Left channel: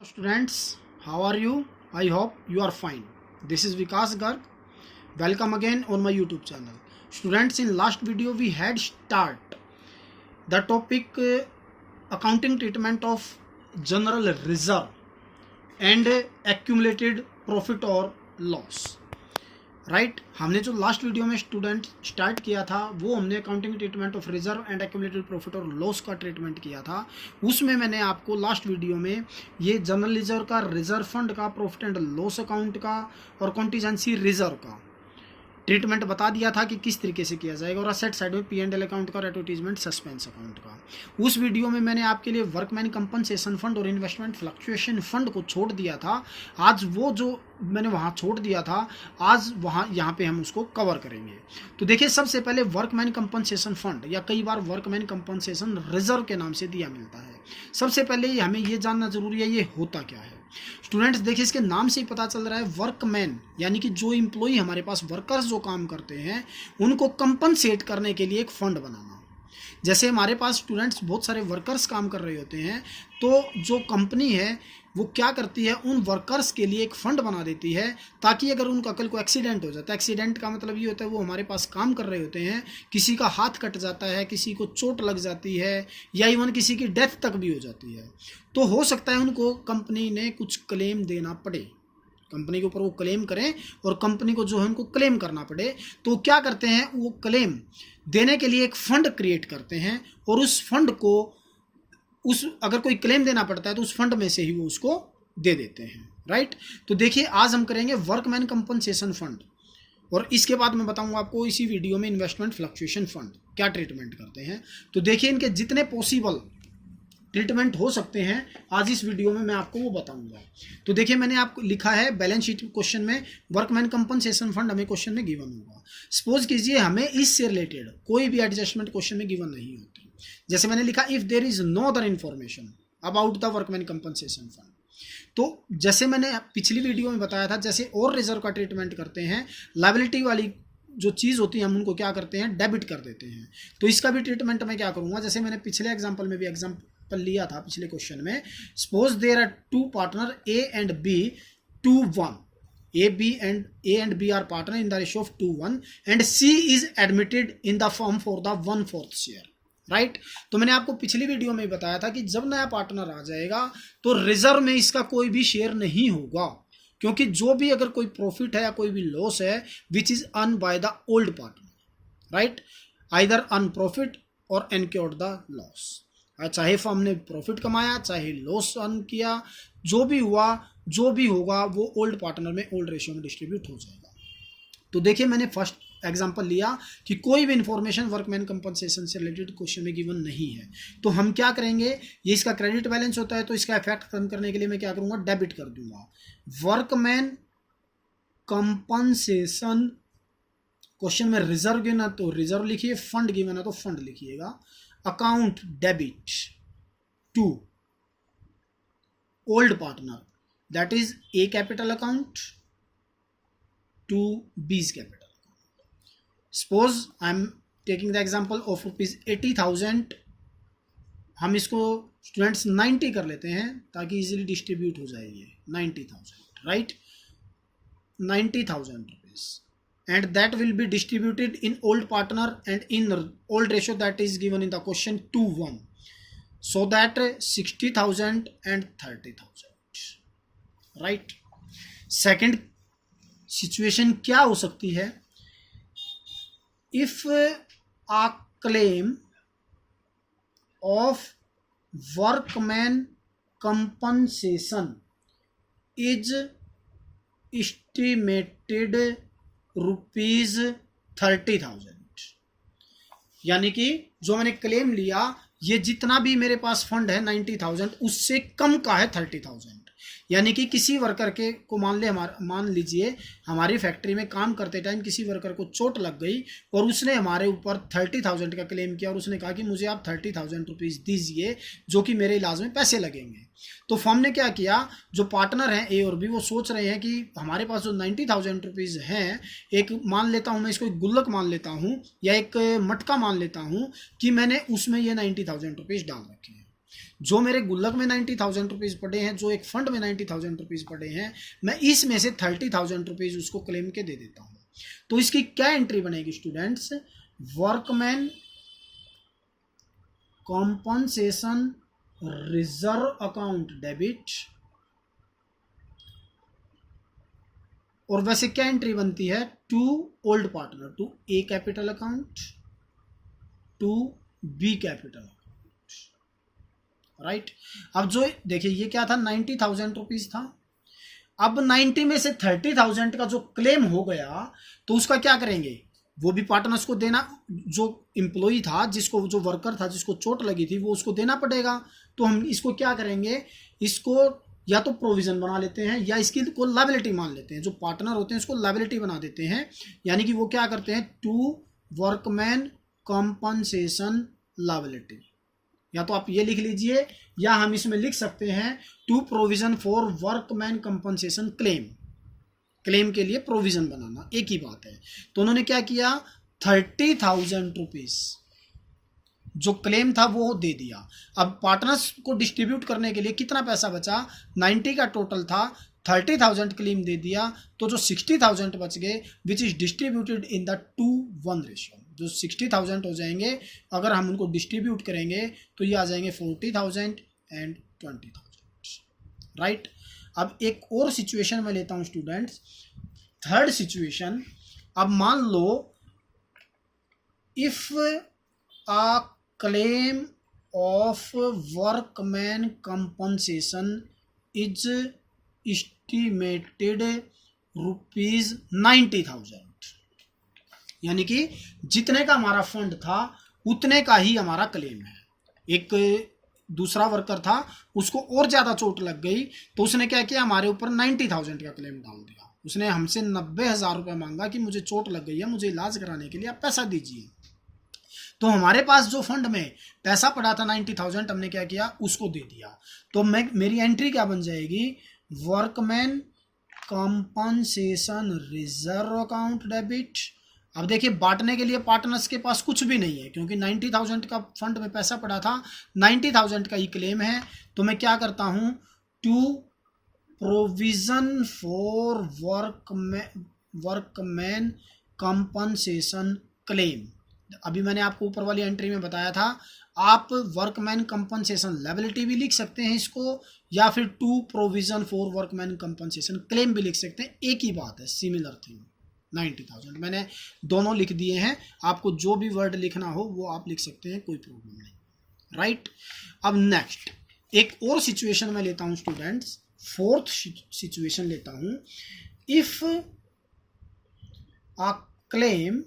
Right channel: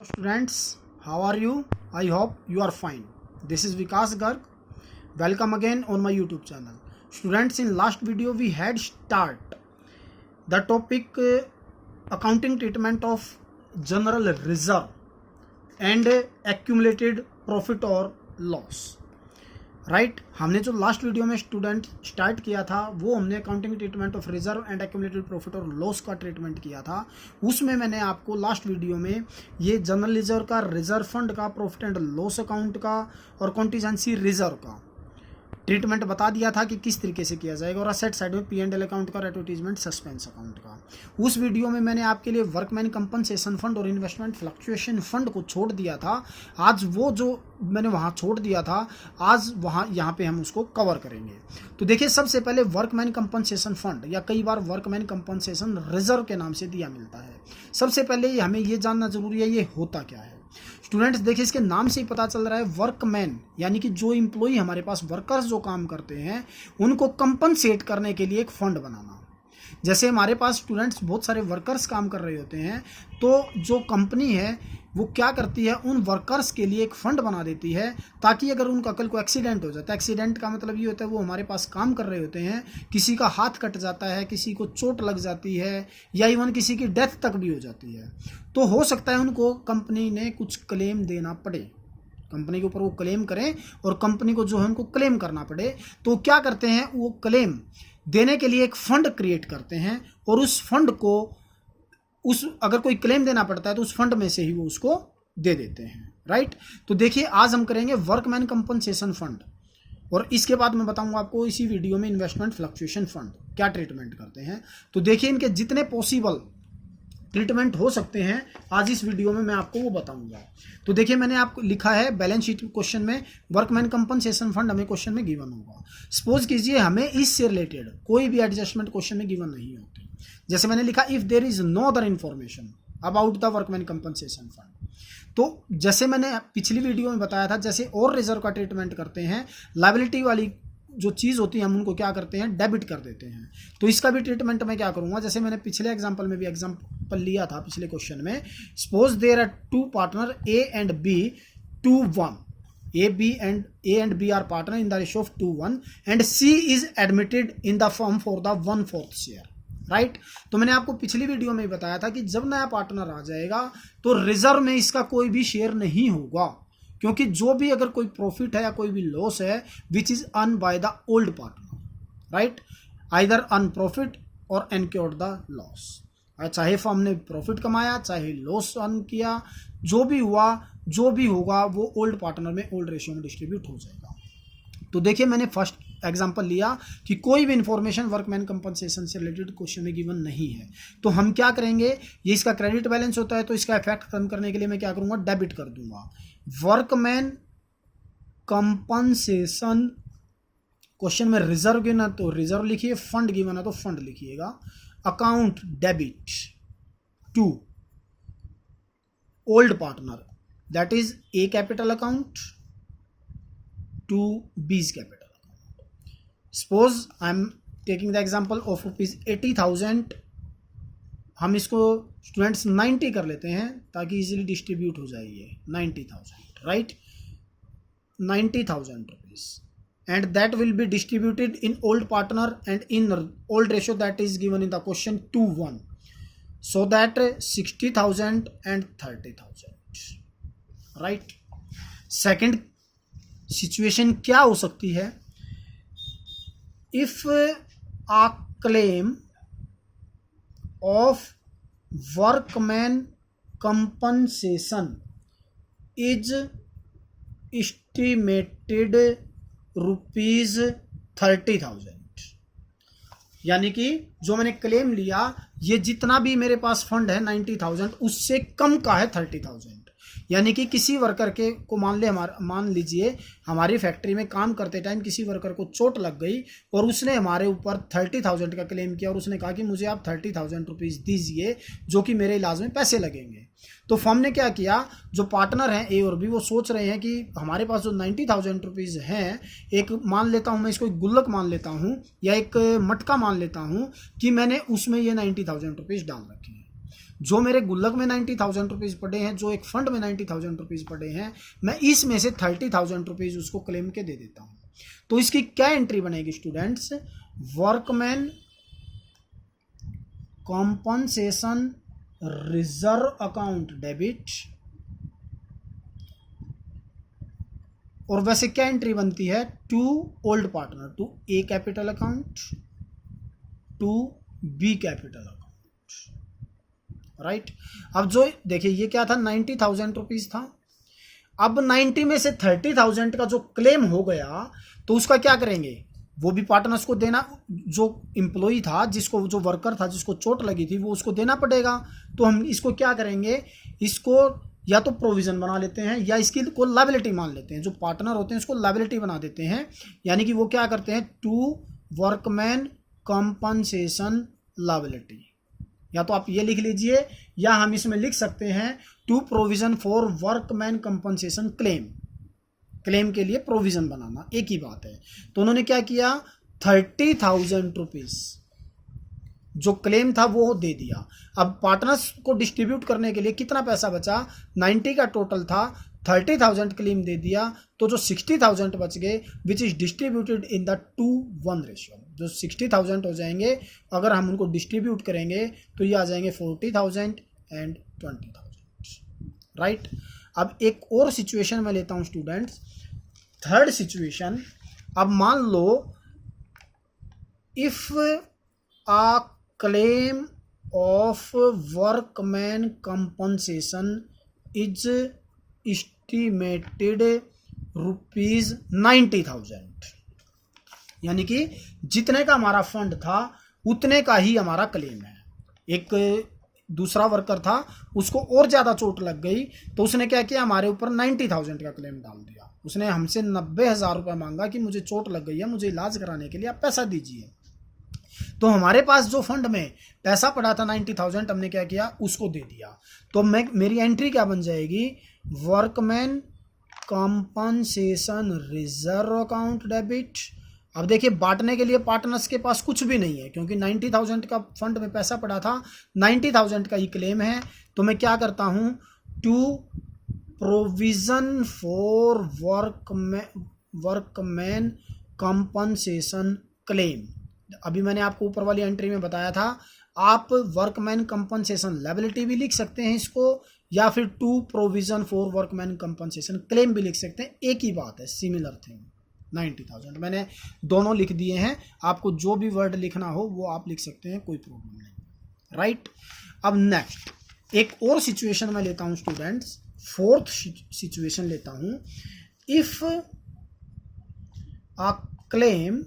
Students, how are you? I hope you are fine. This is Vikas Garg. Welcome again on my YouTube channel. Students, in last video we had start the topic accounting treatment of general reserve and accumulated profit or loss. Right हमने जो last video में student start किया था वो हमने accounting treatment of reserve and accumulated profit और loss का treatment किया था। उसमें मैंने आपको लास्ट वीडियो में ये जनरल रिजर्व का, रिजर्व फंड का, प्रॉफिट एंड लॉस अकाउंट का और कॉन्टीजेंसी रिजर्व का ट्रीटमेंट बता दिया था कि किस तरीके से किया जाएगा, और असेट साइड में P&L अकाउंट का, एडवर्टीजमेंट सस्पेंस अकाउंट का। उस वीडियो में मैंने आपके लिए वर्कमैन कंपनसेशन फंड और इन्वेस्टमेंट फ्लक्चुएशन फंड को छोड़ दिया था। आज वो जो मैंने वहाँ छोड़ दिया था, आज यहाँ पे हम उसको कवर करेंगे। तो देखिए, सबसे पहले वर्कमैन कंपनसेशन फंड या कई बार वर्कमैन कंपनसेशन रिजर्व के नाम से दिया मिलता है। सबसे पहले हमें ये जानना जरूरी है ये होता क्या है। स्टूडेंट्स देखिए, इसके नाम से ही पता चल रहा है, वर्कमैन यानी कि जो एम्प्लॉई हमारे पास, वर्कर्स जो काम करते हैं, उनको कंपनसेट करने के लिए एक फंड बनाना। जैसे हमारे पास स्टूडेंट्स बहुत सारे वर्कर्स काम कर रहे होते हैं, तो जो कंपनी है वो क्या करती है, उन वर्कर्स के लिए एक फंड बना देती है ताकि अगर उनका कल को एक्सीडेंट हो जाता है, एक्सीडेंट का मतलब ये होता है वो हमारे पास काम कर रहे होते हैं, किसी का हाथ कट जाता है, किसी को चोट लग जाती है या इवन किसी की डेथ तक भी हो जाती है, तो हो सकता है उनको कंपनी ने कुछ क्लेम देना पड़े, कंपनी के ऊपर वो क्लेम करें और कंपनी को जो है उनको क्लेम करना पड़े। तो क्या करते हैं, वो क्लेम देने के लिए एक फंड क्रिएट करते हैं और उस फंड को अगर कोई क्लेम देना पड़ता है तो उस फंड में से ही वो उसको दे देते हैं। राइट, तो देखिए आज हम करेंगे वर्कमैन कंपनसेशन फंड, और इसके बाद मैं बताऊंगा आपको इसी वीडियो में इन्वेस्टमेंट फ्लक्चुएशन फंड क्या ट्रीटमेंट करते हैं। तो देखिए, इनके जितने पॉसिबल ट्रीटमेंट हो सकते हैं आज इस वीडियो में मैं आपको वो बताऊंगा। तो देखिए, मैंने आपको लिखा है बैलेंस शीट क्वेश्चन में वर्कमैन कंपनसेशन फंड हमें क्वेश्चन में गिवन होगा। सपोज कीजिए हमें इससे रिलेटेड कोई भी एडजस्टमेंट क्वेश्चन में गिवन नहीं होती। जैसे मैंने लिखा, if there is no other information about the workman compensation fund. तो जैसे मैंने पिछली वीडियो में बताया था, जैसे और रिजर्व का ट्रीटमेंट करते हैं, लायबिलिटी वाली जो चीज़ होती है हम उनको क्या करते हैं, डेबिट कर देते हैं। तो इसका भी ट्रीटमेंट मैं क्या करूंगा, जैसे मैंने पिछले एग्जांपल में भी एग्जांपल लिया था, पिछले क्वेश्चन में, suppose there are two partner A and B 2:1, A and B are partner in the ratio of 2:1 and C is admitted in the firm for the 1/4 share। Right, तो मैंने आपको पिछली वीडियो में बताया था कि जब नया पार्टनर आ जाएगा तो रिजर्व में इसका कोई भी शेयर नहीं होगा, क्योंकि जो भी अगर कोई प्रॉफिट है या कोई भी लॉस है which is earn by the old partner, right, either earn profit और एनक्योर्ड द लॉस। चाहे फर्म ने प्रॉफिट कमाया चाहे लॉस अर्न किया, जो भी हुआ जो भी होगा वो ओल्ड पार्टनर में ओल्ड रेशियो में डिस्ट्रीब्यूट हो जाएगा। तो देखिए, मैंने फर्स्ट एग्जांपल लिया कि कोई भी इंफॉर्मेशन वर्कमैन कंपनसेशन से रिलेटेड क्वेश्चन में गिवन नहीं है, तो हम क्या करेंगे, ये इसका क्रेडिट बैलेंस होता है तो इसका इफेक्ट कम करने के लिए मैं क्या करूंगा, डेबिट कर दूंगा। वर्कमैन कंपनसेशन क्वेश्चन में रिजर्व गिना तो रिजर्व लिखिए, फंड गिवन है तो फंड लिखिएगा। Account debit to old partner, that is A capital account to B's capital. Suppose I am taking the example of ₹80,000, हम इसको स्टूडेंट्स 90 कर लेते हैं ताकि इजीली डिस्ट्रीब्यूट हो जाएगी। 90,000, right, 90,000 rupees, and that will be distributed in old partner and in old ratio that is given in the question 2:1, so that 60,000 and 30,000, right. Second situation क्या हो सकती है, if a claim of workman compensation is estimated ₹30,000, यानी कि जो मैंने claim लिया ये जितना भी मेरे पास फंड है 90,000 उससे कम का है 30,000। यानी कि किसी वर्कर के को मान लीजिए हमारी फैक्ट्री में काम करते टाइम किसी वर्कर को चोट लग गई और उसने हमारे ऊपर 30,000 का क्लेम किया और उसने कहा कि मुझे आप 30,000 रुपीज़ दीजिए जो कि मेरे इलाज में पैसे लगेंगे। तो फर्म ने क्या किया, जो पार्टनर हैं ए और बी, वो सोच रहे हैं कि हमारे पास जो 90,000 रुपीज़ हैं, एक मान लेता हूँ मैं इसको, एक गुल्लक मान लेता हूँ या एक मटका मान लेता हूँ कि मैंने उसमें ये 90,000 रुपीज़ डाल रखे हैं। जो मेरे गुल्लक में 90,000 रुपीज़ पड़े हैं, जो एक फंड में 90,000 रुपीज़ पड़े हैं, मैं इसमें से 30,000 रुपीज़ उसको क्लेम के दे देता हूँ। तो इसकी क्या एंट्री बनेगी students? Workman compensation reserve account debit, और वैसे क्या एंट्री बनती है? To old partner, to A capital account, to B capital account, right. अब जो देखिए ये क्या था, 90,000 रुपीज था। अब 90 में से 30,000 का जो क्लेम हो गया तो उसका क्या करेंगे? वो भी पार्टनर्स को देना, जो एम्प्लॉई था, जिसको, जो वर्कर था जिसको चोट लगी थी, वो उसको देना पड़ेगा। तो हम इसको क्या करेंगे? इसको या तो प्रोविजन बना लेते हैं या इसकी को लायबिलिटी मान लेते हैं। जो पार्टनर होते हैं इसको लायबिलिटी बना देते हैं, यानी कि वो क्या करते हैं? To workman compensation liability. या तो आप ये लिख लीजिए या हम इसमें लिख सकते हैं to provision for workman compensation claim. Claim के लिए प्रोविजन बनाना एक ही बात है। तो उन्होंने क्या किया? 30,000 रुपीज जो क्लेम था वो दे दिया। अब पार्टनर्स को डिस्ट्रीब्यूट करने के लिए कितना पैसा बचा? 90 का टोटल था, 30,000 क्लेम दे दिया, तो जो 60,000 बच गए which is distributed in the 2:1 ratio. जो 60,000 हो जाएंगे, अगर हम उनको डिस्ट्रीब्यूट करेंगे तो ये आ जाएंगे 40,000 एंड 20,000, राइट। अब एक और सिचुएशन में लेता हूं स्टूडेंट्स, थर्ड सिचुएशन। अब मान लो if a claim of workman compensation is estimated ₹90,000, यानी कि जितने का हमारा फंड था उतने का ही हमारा क्लेम है। एक दूसरा वर्कर था, उसको और ज़्यादा चोट लग गई, तो उसने क्या किया? हमारे ऊपर 90,000 का क्लेम डाल दिया। उसने हमसे 90,000 रुपये मांगा कि मुझे चोट लग गई है, मुझे इलाज कराने के लिए आप पैसा दीजिए। तो हमारे पास जो फंड में पैसा पड़ा था 90,000, हमने क्या किया? उसको दे दिया। तो मेरी एंट्री क्या बन जाएगी? Workman compensation reserve account debit. अब देखिए बांटने के लिए पार्टनर्स के पास कुछ भी नहीं है, क्योंकि 90,000 का फंड में पैसा पड़ा था, 90,000 का ही क्लेम है। तो मैं क्या करता हूं? To provision for workman compensation claim. अभी मैंने आपको ऊपर वाली एंट्री में बताया था, आप वर्कमैन कंपनसेशन लायबिलिटी भी लिख सकते हैं इसको, या फिर to provision for workman compensation claim भी लिख सकते हैं। एक ही बात है, सिमिलर थिंग। 90,000 मैंने दोनों लिख दिए हैं, आपको जो भी वर्ड लिखना हो वो आप लिख सकते हैं, कोई प्रॉब्लम नहीं, राइट। अब नेक्स्ट एक और सिचुएशन में लेता हूं स्टूडेंट्स, फोर्थ सिचुएशन लेता हूं। If a claim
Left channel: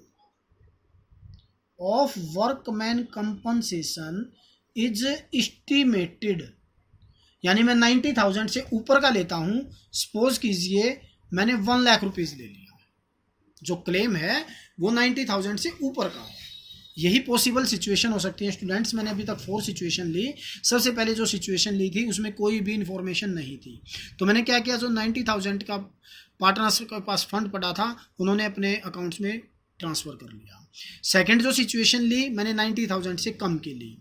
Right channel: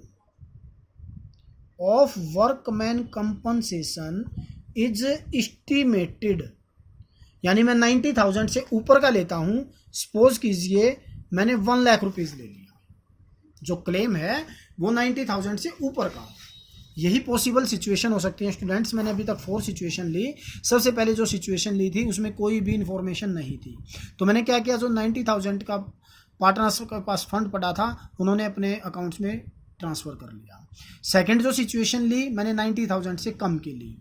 of workman compensation is estimated, यानी मैं 90,000 से ऊपर का लेता हूं। सपोज कीजिए मैंने 1 लाख रुपीज ले लिया, जो क्लेम है वो 90,000 से ऊपर का है। यही पॉसिबल सिचुएशन हो सकती है स्टूडेंट्स। मैंने अभी तक 4 सिचुएशन ली। सबसे पहले जो सिचुएशन ली थी उसमें कोई भी इंफॉर्मेशन नहीं थी, तो मैंने क्या किया? जो 90,000 का पार्टनर्स के पास फंड पड़ा था उन्होंने अपने अकाउंट्स में ट्रांसफ़र कर लिया। सेकंड जो सिचुएशन ली मैंने 90,000 से कम की ली,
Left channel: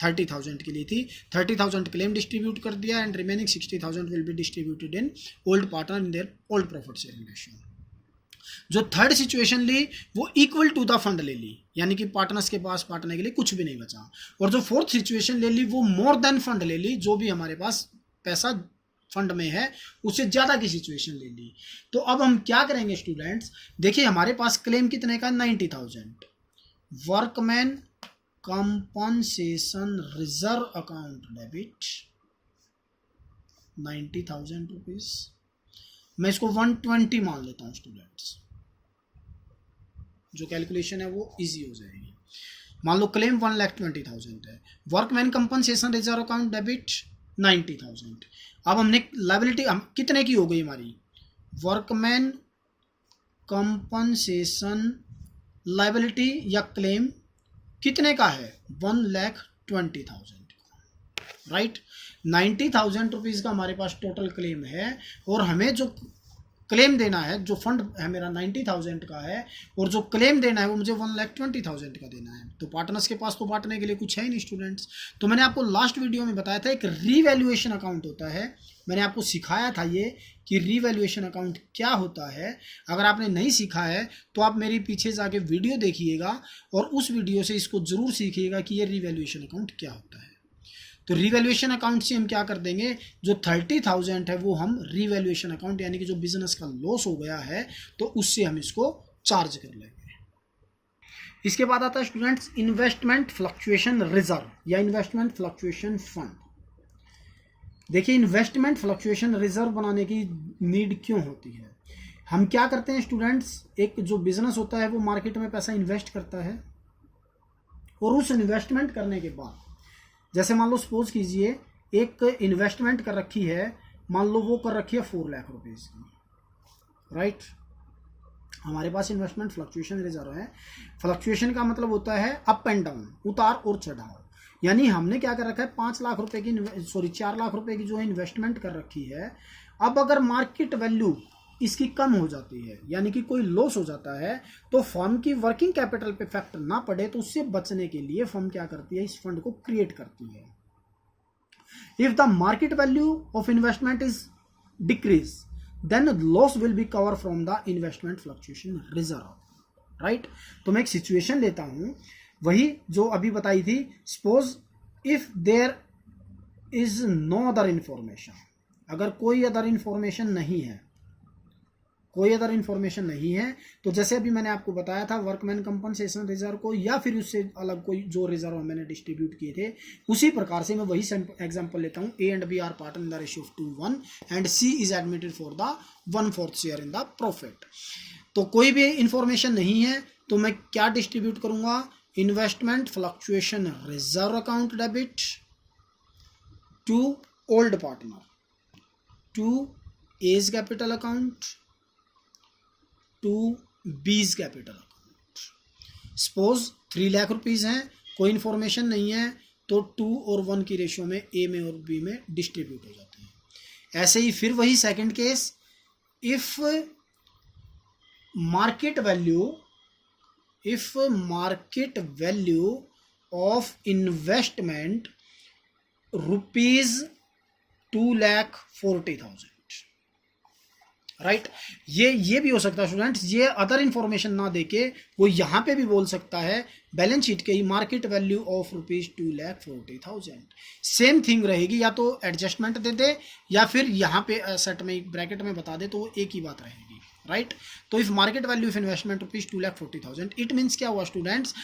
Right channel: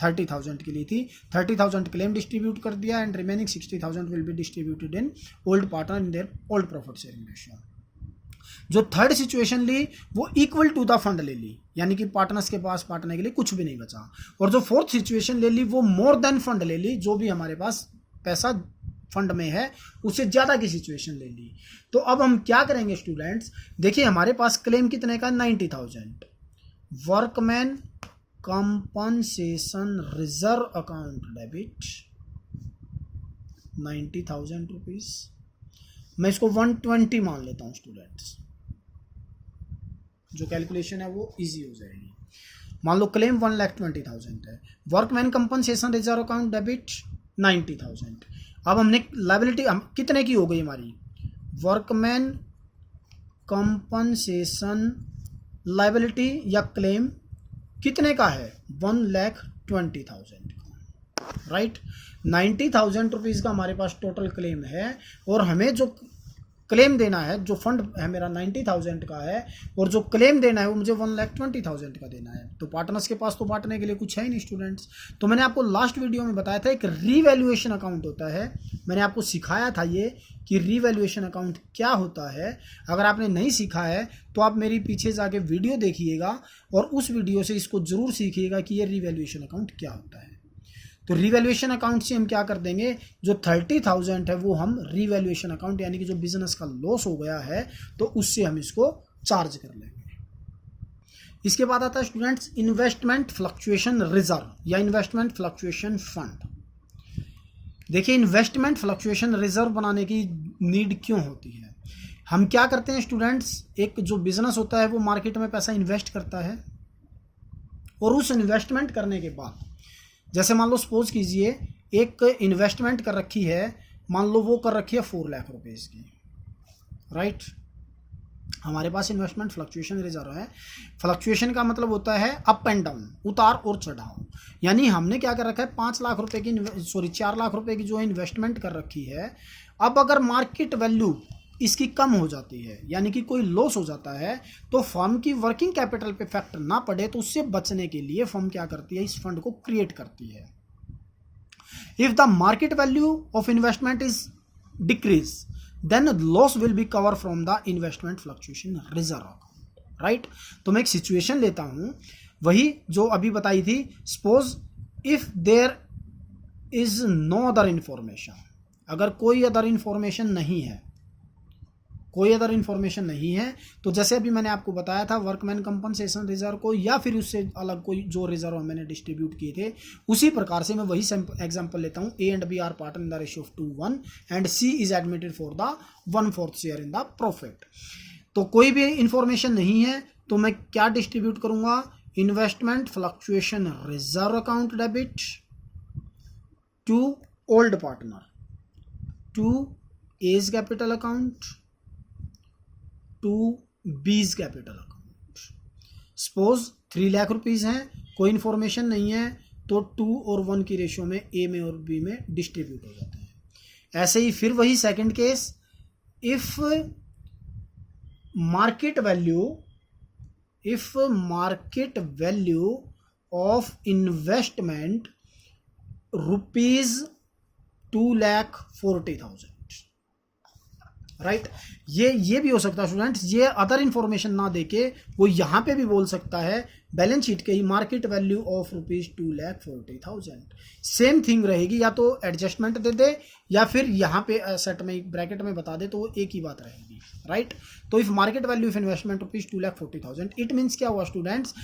30,000 की ली थी। 30,000 क्लेम डिस्ट्रीब्यूट कर दिया and remaining 60,000 will be distributed in old partner in their old profit sharing ratio. जो थर्ड सिचुएशन ली वो इक्वल टू द फंड ले ली, यानी कि पार्टनर्स के पास बांटने के लिए कुछ भी नहीं बचा। और जो फोर्थ सिचुएशन ले ली वो मोर देन फंड ले ली, जो भी हमारे पास पैसा फंड में है उससे ज़्यादा की सिचुएशन ले ली। तो अब हम क्या करेंगे स्टूडेंट्स? देखिए हमारे पास क्लेम कितने का? 90,000। Workman compensation reserve account debit 90,000 rupees. मैं इसको 120 मान लेता हूं स्टूडेंट्स, जो कैलकुलेशन है वो इजी हो जाएगी। मान लो क्लेम 1,20,000 है, workman compensation reserve account debit 90,000। अब हमने लायबिलिटी कितने की हो गई हमारी? वर्कमैन कंपनसेशन लायबिलिटी या क्लेम कितने का है? 1,20,000 का, राइट। 90,000 रुपीज़ का हमारे पास टोटल क्लेम है और हमें जो क्लेम देना है, जो फंड है मेरा 90,000 का है और जो क्लेम देना है वो मुझे 1,20,000 का देना है। तो पार्टनर्स के पास तो बांटने के लिए कुछ है ही नहीं स्टूडेंट्स। तो मैंने आपको लास्ट वीडियो में बताया था एक रीवैल्यूएशन अकाउंट होता है, मैंने आपको सिखाया था ये कि रीवैल्यूएशन अकाउंट क्या होता है। अगर आपने नहीं सीखा है तो आप मेरी पीछे जाके वीडियो देखिएगा और उस वीडियो से इसको ज़रूर सीखिएगा कि ये रीवैल्यूएशन अकाउंट क्या होता है। तो रीवैल्यूएशन अकाउंट से हम क्या कर देंगे, जो 30,000 है वो हम रीवैल्यूएशन अकाउंट यानी कि जो बिजनेस का लॉस हो गया है तो उससे हम इसको चार्ज कर लेंगे। इसके बाद आता है स्टूडेंट्स इन्वेस्टमेंट फ्लक्चुएशन रिजर्व या इन्वेस्टमेंट फ्लक्चुएशन फंड। देखिए इन्वेस्टमेंट फ्लक्चुएशन रिजर्व बनाने की नीड क्यों होती है। हम क्या करते हैं स्टूडेंट्स, एक जो बिजनेस होता है वो मार्केट में पैसा इन्वेस्ट करता है और उस इन्वेस्टमेंट करने के बाद जैसे मान लो सपोज कीजिए एक इन्वेस्टमेंट कर रखी है, मान लो वो कर रखी है 4 लाख रुपीज़ की, राइट। हमारे पास इन्वेस्टमेंट फ्लक्चुएशन रिजर्व है। फ्लक्चुएशन का मतलब होता है अप एंड डाउन, उतार और चढ़ाव। यानी हमने क्या कर रखा है 4 लाख रुपए की जो इन्वेस्टमेंट कर रखी है। अब अगर मार्केट वैल्यू इसकी कम हो जाती है यानी कि कोई लॉस हो जाता है तो फर्म की वर्किंग कैपिटल पे इफेक्ट ना पड़े तो उससे बचने के लिए फर्म क्या करती है, इस फंड को क्रिएट करती है। If the market value of investment is decrease then loss will be cover from the investment fluctuation reserve, right. तो मैं एक सिचुएशन लेता हूं, वही जो अभी बताई थी। Suppose if there is no other information, अगर कोई अदर इंफॉर्मेशन नहीं है, कोई अदर इन्फॉर्मेशन नहीं है तो जैसे अभी मैंने आपको बताया था वर्कमैन कंपनसेशन रिजर्व को या फिर उससे अलग कोई जो रिजर्व मैंने डिस्ट्रीब्यूट किए थे उसी प्रकार से मैं वही एग्जांपल लेता हूं। A and B are partner in the ratio of 2:1 and C is admitted for the 1/4 share in the profit. तो कोई भी इंफॉर्मेशन नहीं है तो मैं क्या डिस्ट्रीब्यूट करूंगा, investment fluctuation reserve account debit to old partner to A's capital account to B's capital account. Suppose 3 lakh rupees हैं, कोई इन्फॉर्मेशन नहीं है तो 2 और 1 की रेशियो में ए में और बी में डिस्ट्रीब्यूट हो जाते हैं। ऐसे ही फिर वही second case, if market value of investment ₹2,40,000, right. ये भी हो सकता है स्टूडेंट्स, ये अदर इंफॉर्मेशन ना देके वो यहाँ पे भी बोल सकता है बैलेंस शीट के ही market value of ₹2,40,000। Same thing रहेगी, या तो एडजस्टमेंट दे दे या फिर यहाँ पे सेट में ब्रैकेट में बता दे तो वो एक ही बात रहेगी, राइट। तो if market value of investment ₹2,40,000 it means क्या हुआ स्टूडेंट्स,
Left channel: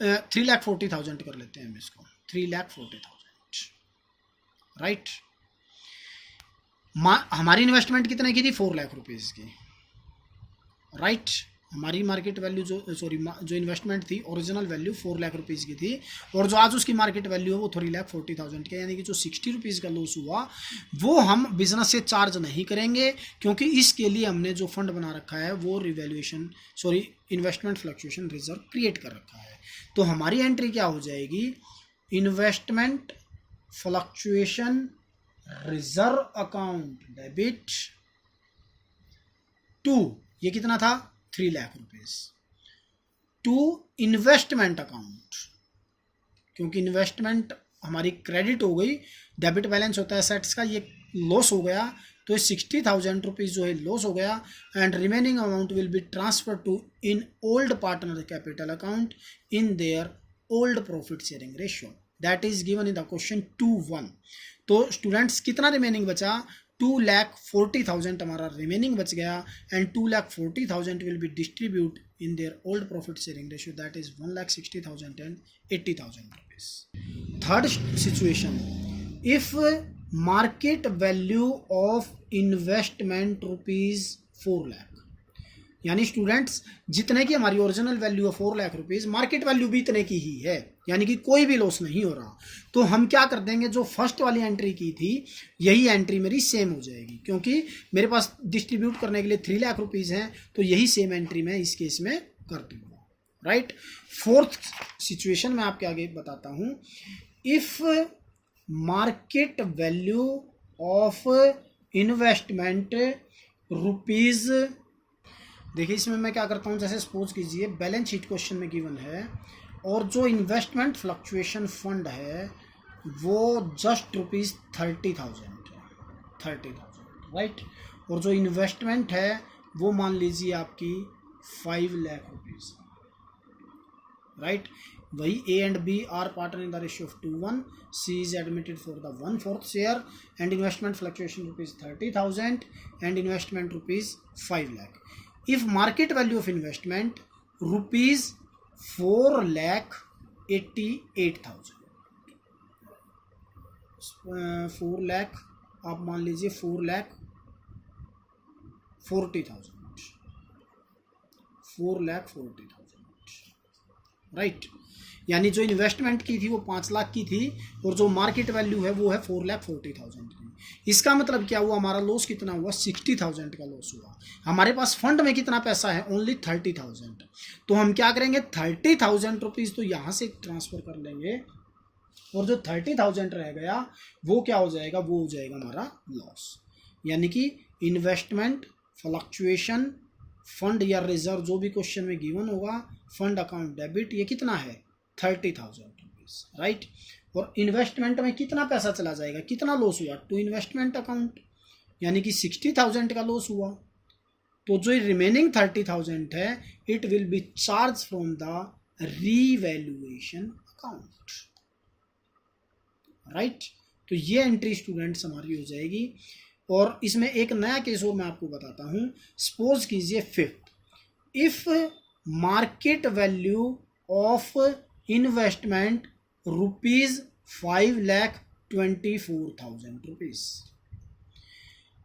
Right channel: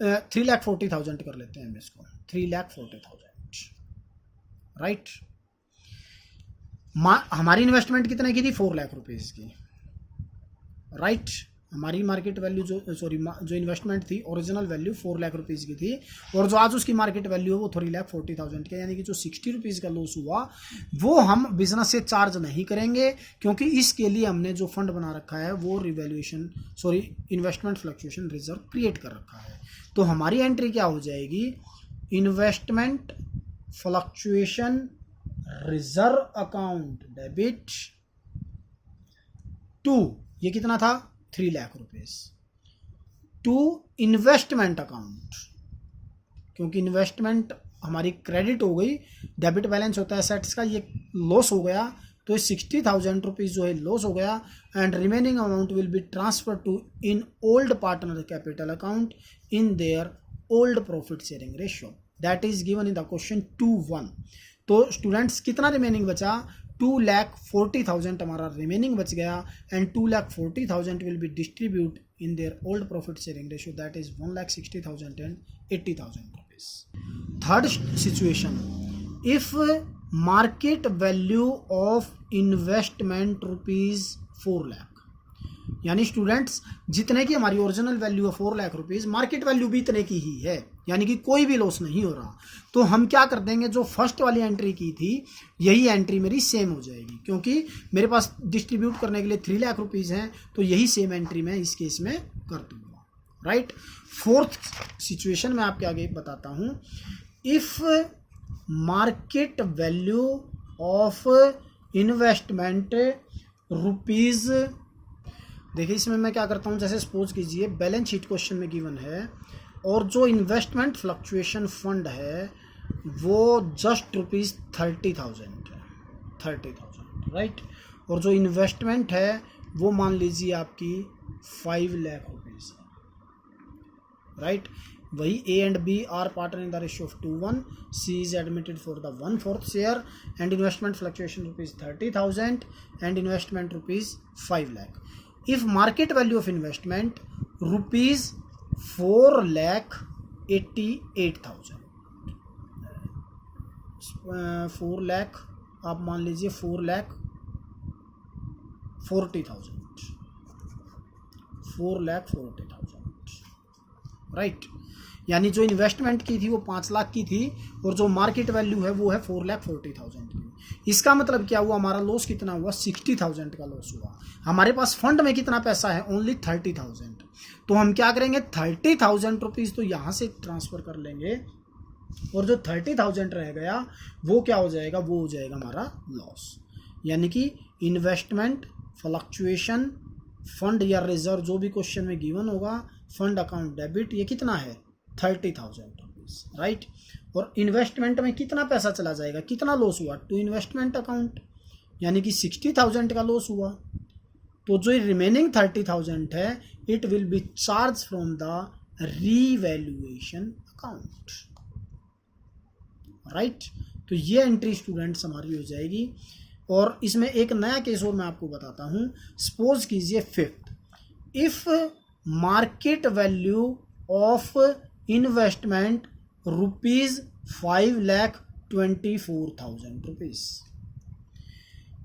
3,40,000 कर लेते हैं हम इसको, 3,40,000, राइट। हमारी इन्वेस्टमेंट कितने की थी, 4 लाख रुपीज़ की, राइट। हमारी मार्केट वैल्यू जो इन्वेस्टमेंट थी ओरिजिनल वैल्यू 4 लाख रुपीज़ की थी और जो आज उसकी मार्केट वैल्यू है वो 3,40,000 की, यानी कि जो 60 रुपीज़ का लॉस हुआ वो हम बिजनेस से चार्ज नहीं करेंगे क्योंकि इसके लिए हमने जो फंड बना रखा है वो इन्वेस्टमेंट फ्लक्चुएशन रिजर्व क्रिएट कर रखा है। तो हमारी एंट्री क्या हो जाएगी, investment fluctuation reserve account debit to, ये कितना था 3 lakh rupees, to investment account, क्योंकि इन्वेस्टमेंट हमारी क्रेडिट हो गई, डेबिट बैलेंस होता है एसेट्स का, ये लॉस हो गया तो 60,000 रुपीज जो है लॉस हो गया and remaining amount will be transfer to in old partner capital account in their old profit sharing ratio, that is given in the question 2:1। तो स्टूडेंट्स कितना रिमेनिंग बचा, 2,40,000 हमारा रिमेनिंग बच गया and 2,40,000 will be distribute in their old profit sharing ratio, that is 1,60,000 and 80,000 rupees. Third situation, if market value of investment ₹4 lakh, यानी students जितने की हमारी ओरिजिनल वैल्यू है 4 लाख रुपीज, मार्केट वैल्यू भी इतने की ही है, यानी कि कोई भी लॉस नहीं हो रहा। तो हम क्या कर देंगे, जो फर्स्ट वाली एंट्री की थी यही एंट्री मेरी सेम हो जाएगी क्योंकि मेरे पास डिस्ट्रीब्यूट करने के लिए 3 लाख रुपीज हैं, तो यही सेम एंट्री मैं इस केस में कर दूंगा, राइट। फोर्थ सिचुएशन मैं आपके आगे बताता हूं, if market value of investment rupees, देखिए इसमें मैं क्या करता हूँ, जैसे सपोज कीजिए बैलेंस शीट क्वेश्चन में गिवन है और जो इन्वेस्टमेंट फ्लक्चुएशन फंड है वो जस्ट ₹30,000 है, 30,000 राइट। और जो इन्वेस्टमेंट है वो मान लीजिए आपकी 5 लाख रुपीज़ राइट। वही A and B are partner in the ratio of 2:1. C is admitted for the 1/4 share and investment fluctuation ₹30,000 and investment ₹5 lakh. If market value of investment ₹4,88,000, 4 lakh आप मान लीजिए 4,40,000, 4,40,000 राइट। यानी जो इन्वेस्टमेंट की थी वो 5 लाख की थी और जो मार्केट वैल्यू है वो है 4,40,000 की। इसका मतलब क्या हुआ, हमारा लॉस कितना हुआ, 60,000 का लॉस हुआ। हमारे पास फंड में कितना पैसा है, ओनली 30,000। तो हम क्या करेंगे, 30,000 रुपीज़ तो यहाँ से ट्रांसफ़र कर लेंगे और जो 30,000 रह गया वो क्या हो जाएगा, वो हो जाएगा हमारा लॉस। यानी कि इन्वेस्टमेंट फ्लक्चुएशन फंड या रिजर्व जो भी क्वेश्चन में गिवन होगा, फंड अकाउंट डेबिट, ये कितना है 30,000 रुपीज़ राइट। और इन्वेस्टमेंट में कितना पैसा चला जाएगा, कितना लॉस हुआ टू इन्वेस्टमेंट अकाउंट, यानी कि 60,000 का लॉस हुआ। तो जो रिमेनिंग 30,000 है it will be charge from the revaluation account right. तो ये एंट्री स्टूडेंट्स हमारी हो जाएगी। और इसमें एक नया केस और मैं आपको बताता हूँ। सपोज कीजिए 5th, if market value of investment ₹5,24,000।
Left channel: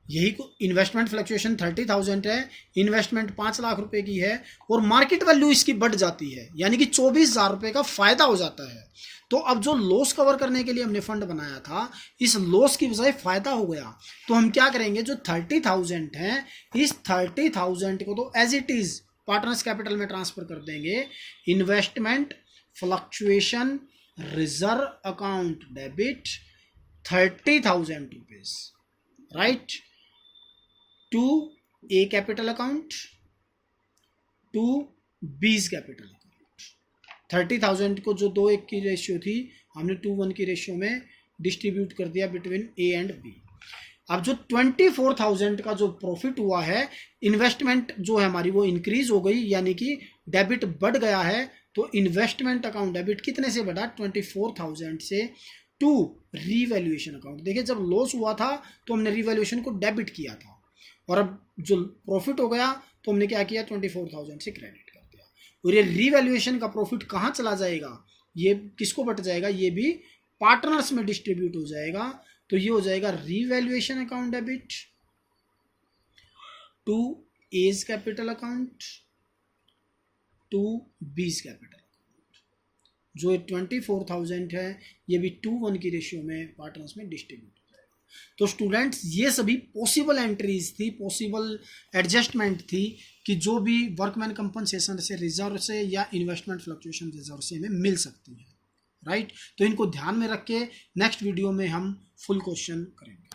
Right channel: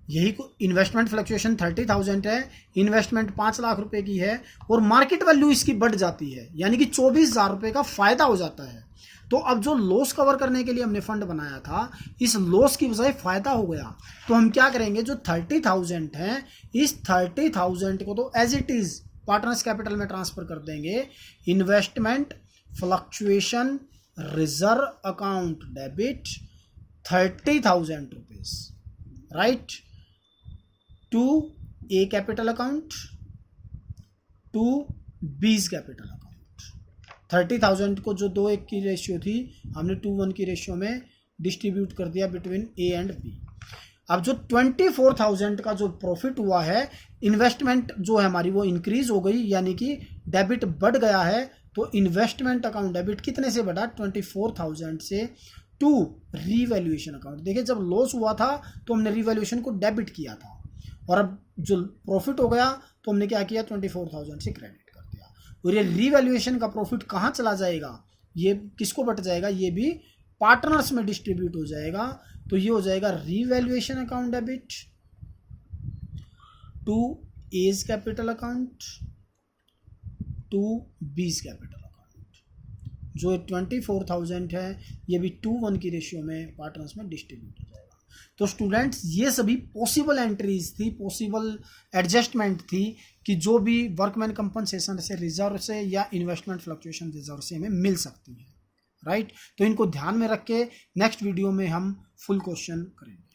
यही इन्वेस्टमेंट फ्लक्चुएशन 30,000 है, इन्वेस्टमेंट 5 लाख रुपए की है और मार्केट वैल्यू इसकी बढ़ जाती है, यानी कि 24,000 रुपये का फायदा हो जाता है। तो अब जो लॉस कवर करने के लिए हमने फंड बनाया था, इस लॉस की बजाय फायदा हो गया। तो हम क्या करेंगे, जो 30,000 है इस 30,000 को तो as it is partners capital में ट्रांसफर कर देंगे। Investment fluctuation reserve account debit 30,000 rupees right to A capital account to B's capital account. 30,000 को जो 2:1 की रेशियो थी हमने 2:1 की रेशियो में डिस्ट्रीब्यूट कर दिया बिटवीन ए एंड बी। अब जो 24,000 का जो प्रॉफिट हुआ है, इन्वेस्टमेंट जो है हमारी वो इंक्रीज हो गई, यानी कि डेबिट बढ़ गया है। तो इन्वेस्टमेंट अकाउंट डेबिट कितने से बढ़ा, 24,000 से टू रीवैल्यूएशन अकाउंट। देखिए जब लॉस हुआ था तो हमने रीवैल्यूएशन को डेबिट किया था और अब जो प्रॉफिट हो गया तो हमने क्या किया, 24,000 से क्रेडिट कर दिया। और ये रीवैल्यूएशन का प्रॉफिट कहाँ चला जाएगा, ये किसको बट जाएगा, ये भी पार्टनर्स में डिस्ट्रीब्यूट हो जाएगा। तो ये हो जाएगा revaluation account debit to A's capital account to B's capital account. जो 24,000 है ये भी 2:1 की रेशियो में पार्टनर्स में डिस्ट्रीब्यूट हो जाएगा। तो स्टूडेंट्स ये सभी पॉसिबल एंट्रीज थी, पॉसिबल एडजस्टमेंट थी कि जो भी वर्कमैन कंपनसेशन से, रिजर्व से या इन्वेस्टमेंट फ्लक्चुएशन रिजर्व से हमें मिल सकती है राइट। तो इनको ध्यान में रख के नेक्स्ट वीडियो में हम फुल क्वेश्चन करेंगे।